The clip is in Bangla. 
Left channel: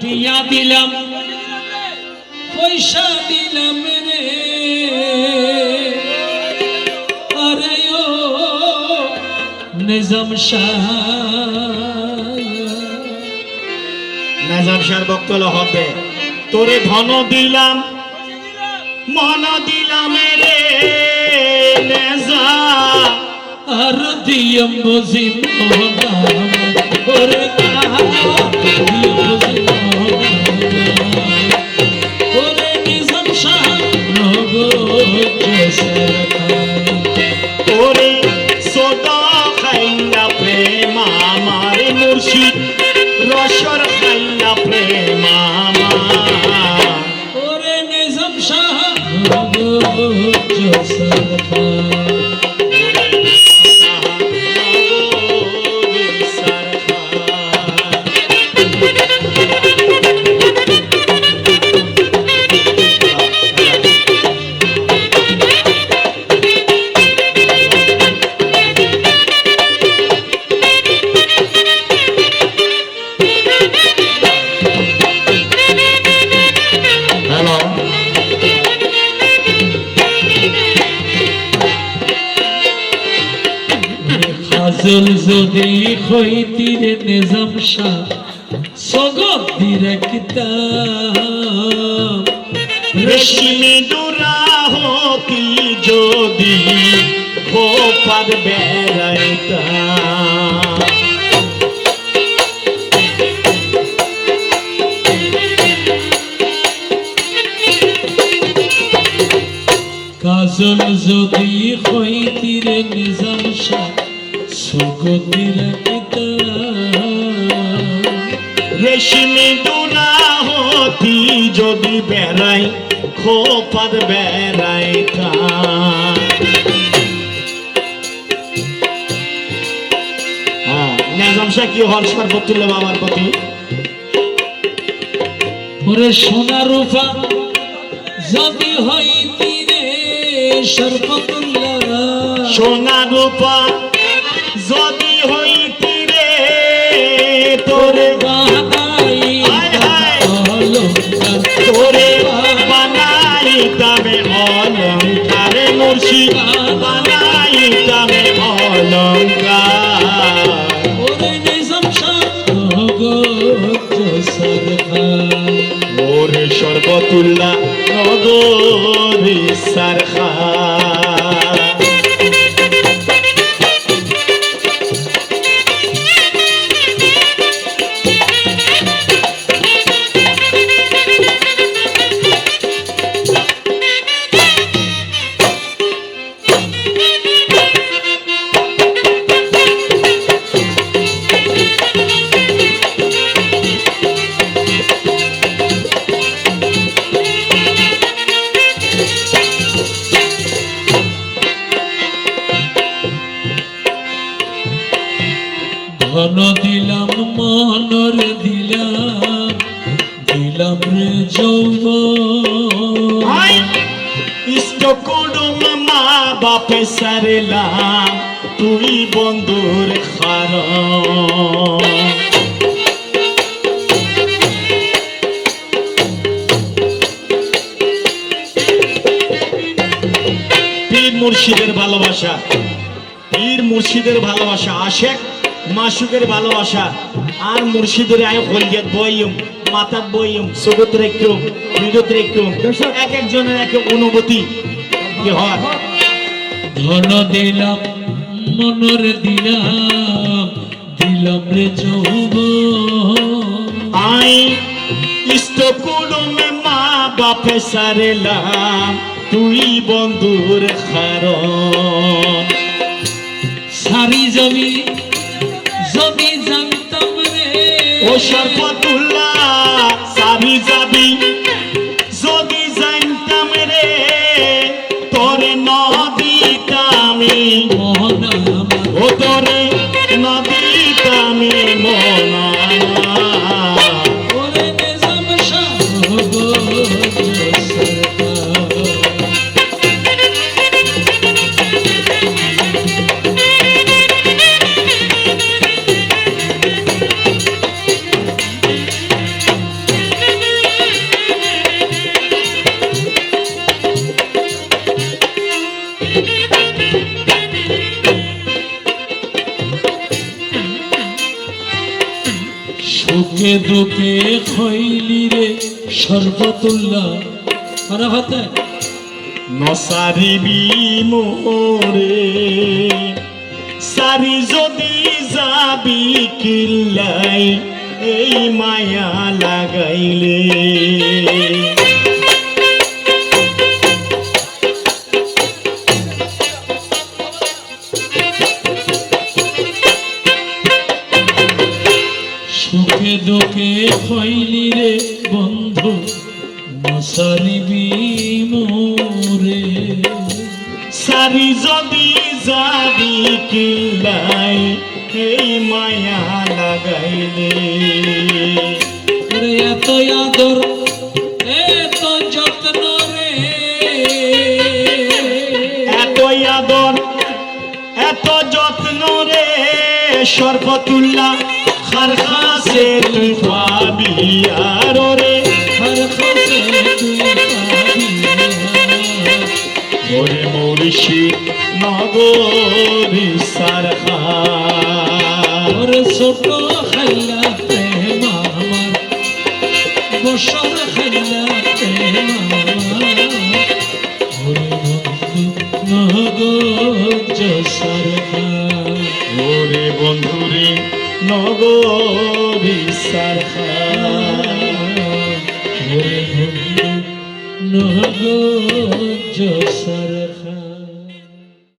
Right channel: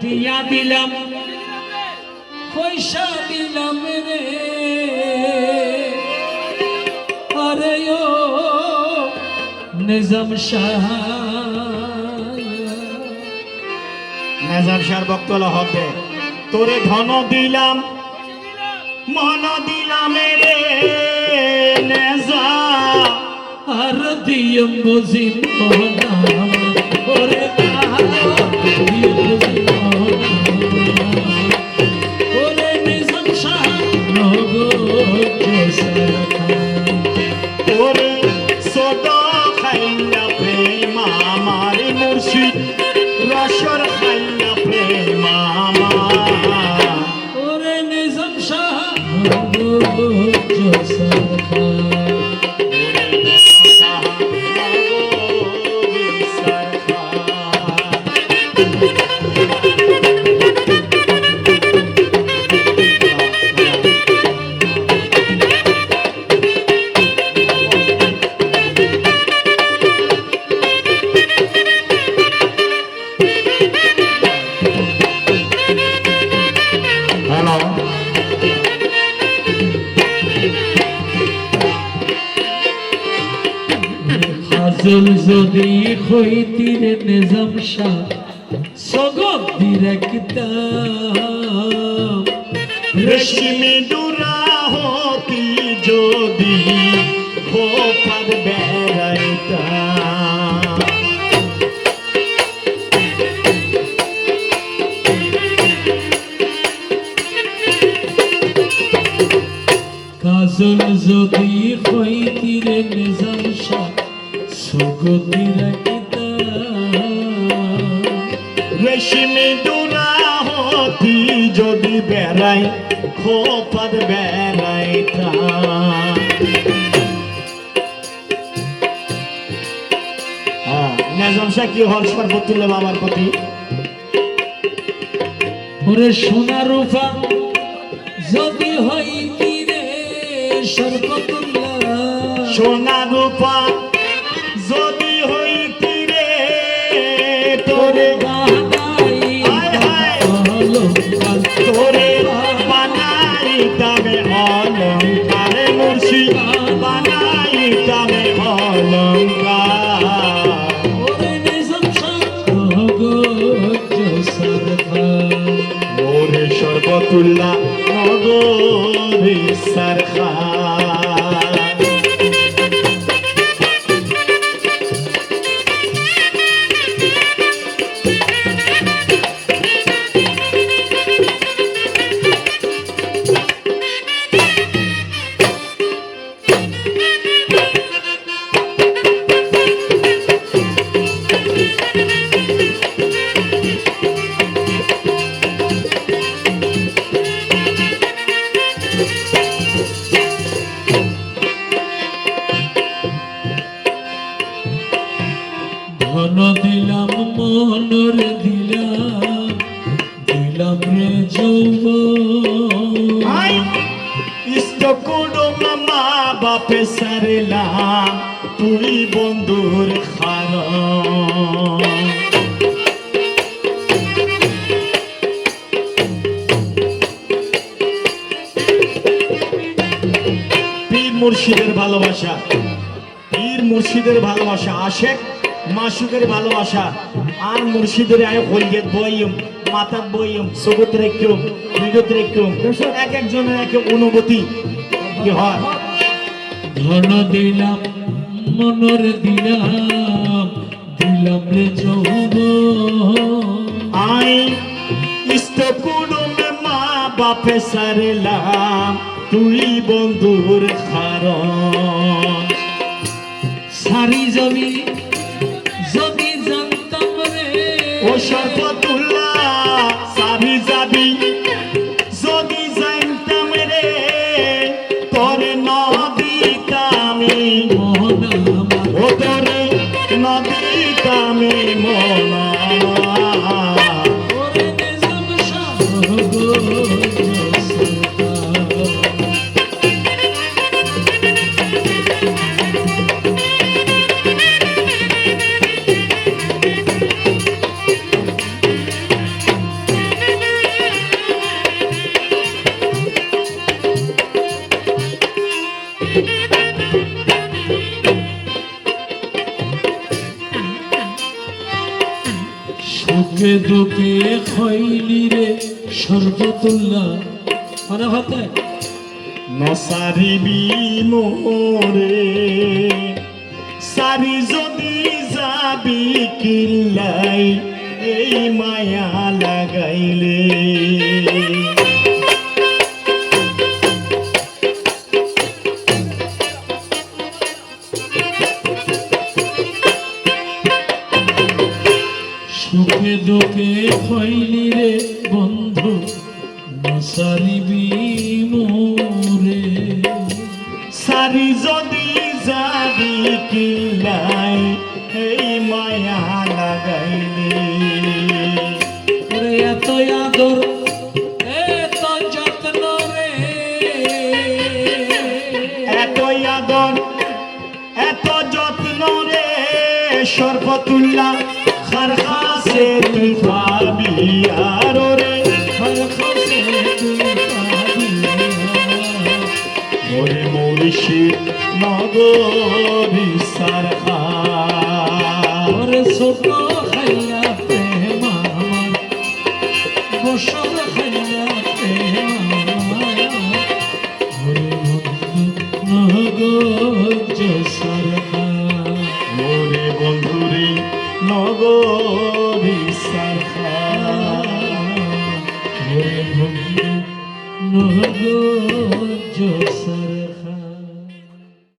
টিয়া দিলাম পয়সা দিলাম রে আরে ও নিজাম শাহ নিজাম শাহ বক্তব্য হবে তোরে ধন দিলাম মন দিলাম রে নিজাম আর দিয়ম বুঝিম নাম ওরে দিয়ম বুঝিম ওরে নিজাম শাহ নগো ওরে সোদা খাইলা প্রেম আমার মুর্শিদ রসর খাইলা প্রেম আমার ওরে নিজাম শাহ নগো জল যদি হইতিরে নিজাম শাহ সগত দিরাকিতাম রেশমি দুরা হতি যদি খোপার বেড়াইতা কাজল যদি হইতিরে নিজাম শাহ সগত দিরাকিতাম রেশমি দুরা হতি যদি বেড়াই খোপার বেড়াইতা নিজাম শাহ কি হর্ষ তুললে বাবার প্রতি ওরে সোনা রূপা যদি হইতিরে সর্বতুল্লাহ সোনা রূপা যদি হইতি রে তোরে তোরে বানাইতামে অলঙ্কার মুর্শিদ বানাইতামে অলঙ্কার ওরে নিজাম শাহ নগো সরকার ওরে সর্বতুল্লাহ নগরী সরকার ধন দিলাম মনর দিলাম দিলাম রে যৌবন ইষ্ট কুডুম মা বাপে সারেলাম তুই বন্ধুর খার পীর মুর্শিদের ভালোবাসা পীর মুর্শিদের ভালোবাসা আশেক মাসুকের ভালোবাসা আর মুর্শিদের আয় হলিয়ত বইম মাতাত বইম সগত রেখুম বিগত রেখুম এক একজনের এক অনুভূতি কি হয় ধন দিলাম মনর দিলাম দিলাম রে যৌবন আই ইষ্ট কুডুমে মা বাপে সারেলাম তুই বন্ধুর খারণ সারি জমি যদি জানতাম রে ও সর্বতুল্লাহ সাবি যাবি যদি জানতাম রে তোরে নদীতামি মনা ও তোরে নদীতামি মনা ওরে নিজাম শাহ নগো সরকার দুঃখে খৈলি রে সর্বতুল্লাহ মানে হাতে নসারিবি মোরে সারি যদি যাবি কিল্লাই এই মায়া লাগাইলে সুখে দুঃখে খৈলি রে বন্ধু নসারিবি মোরে সারি যদি যাবি কিল্লাই এই মায়া লাগাইলে ওরে এত আদর এত যত্ন রে এত আদর এত যত্ন রে সর্বতুল্লাহ খার খাসে তুই পাবি আরো রে হর খাসে তুই পাবি ওরে মুর্শিদ নগরী সারখা ওরে ছোট খাইলা প্রেম আমার বসর খাইলা প্রেম আমার ওরে বন্ধু নগর সারখা ওরে বন্ধুরে নগরী সারখা ওরে বন্ধু নগর